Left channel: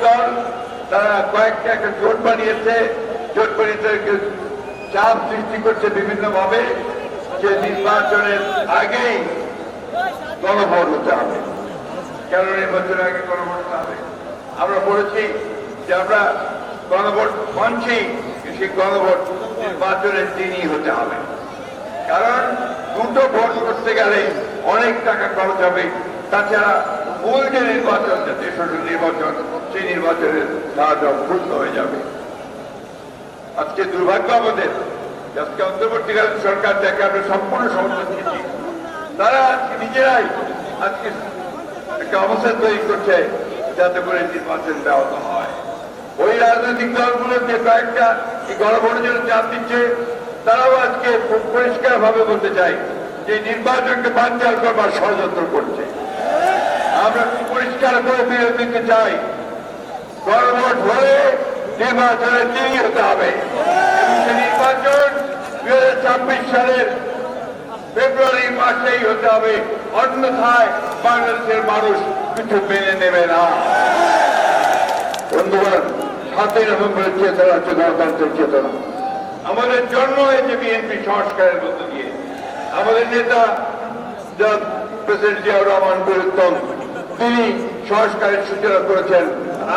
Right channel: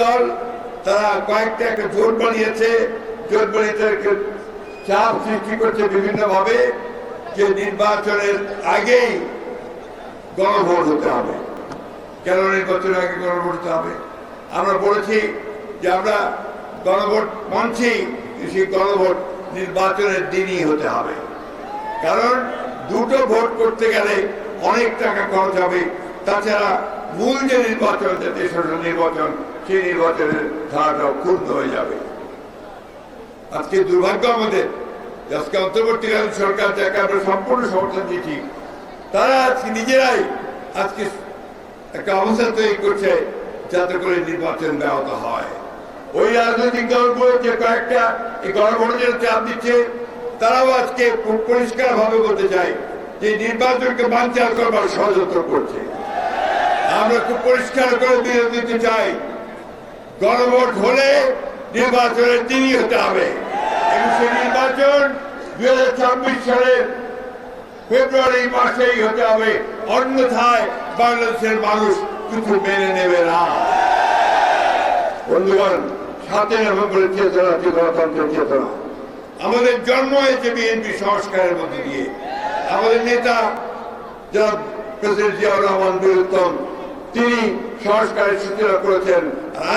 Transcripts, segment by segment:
দল তারা কয়েকটা একটা জোট বানিয়েছে, জোট বানিয়ে তাদেরকে চাপ সৃষ্টি করছে বিভিন্ন ভাবে যে নির্বাচনের আগেই গণভোট হতে হবে, কেন নির্বাচনের আগে গণভোট হতে হবে। আমরা বলেছি যে আমরা গণভোট মানছি, সেই গণভোট নির্বাচনের দিনই হতে হবে, কারণ দুটো ভোট করতে গেলে অনেক টাকা খরচ হবে। তাছাড়া মূল যে নির্বাচন, নির্বাচন সেই নির্বাচনের ধারাটা পূর্ণ হয়ে যাবে। আজকে দুর্ভাগ্য আমাদের, আজকে অন্তর্বর্তীকালীন সরকার যাকে আমরা সম্পূর্ণ সমর্থন দিচ্ছি, তারা আজকে নিজেরাই আজকে একটা অবস্থা তৈরি করছে যাতে করে নির্বাচন ব্যাহত হয়। ওই রাজনৈতিক দলগুলো যে কয়েকটা গণভোটের চাপ দিচ্ছে, তারাও আজকে পরিষ্কার ভাবে বলতে চাই যে নির্বাচনকে বানচাল করবার ষড়যন্ত্র করছে। আমরা খুব পরিষ্কার করে দিতে চাই, গণভোট হলে নির্বাচনের দিনই হতে হবে। নির্বাচন 2026 সালের ফেব্রুয়ারি মাসেই হতে হবে, অন্যথায় বাংলাদেশের মানুষ কিছু মেনে নেবে না। বন্ধুগণ, 7 নভেম্বরের চেতনা হচ্ছে গণতন্ত্রের চেতনা। আমাদের জন্ম হয়েছে বিএনপি সংস্কারের মধ্যে দিয়ে। আমাদের নেতা প্রেসিডেন্ট জিয়াউর রহমান বীরুত্তম, তিনি সংস্কারের সূচনা করেছেন।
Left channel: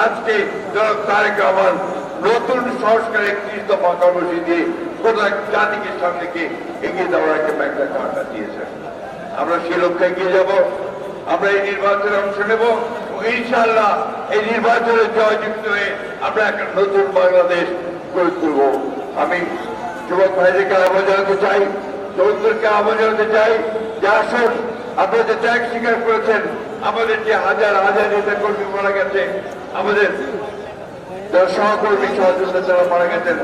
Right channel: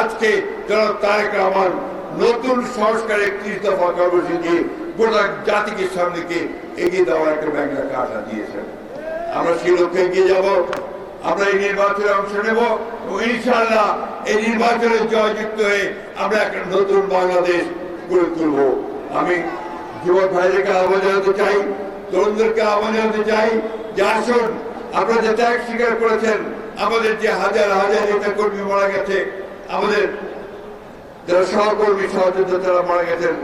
আজকে জনাব তারেক রহমান নতুন সংস্কারের 31 দফা কর্মসূচি গোটা জাতিকে সামনেকে এগিয়ে দেওয়ার একটা কারণা দিয়েছেন। আমরা সেই লক্ষ্যে এগিয়ে যাব। আমরা এই নির্বাচনে অংশ নেব, ইনশাআল্লাহ এই নির্বাচনে জয়যুক্ত হয়ে আমরা একটা নতুন বাংলাদেশ গড়ে তুলব। আমি যুবক ভাইদেরকে আহ্বান জানাতে চাই, তরুণদেরকে আহ্বান জানাতে চাই যে আসুন, আপনারা যে ত্যাগ স্বীকার করেছেন, আমাদের যে হাজার হাজার নেতা কর্মী মারা গেছে, আমাদের যারা সহকর্মী সহযোগিতা যারা মারা গেছেন,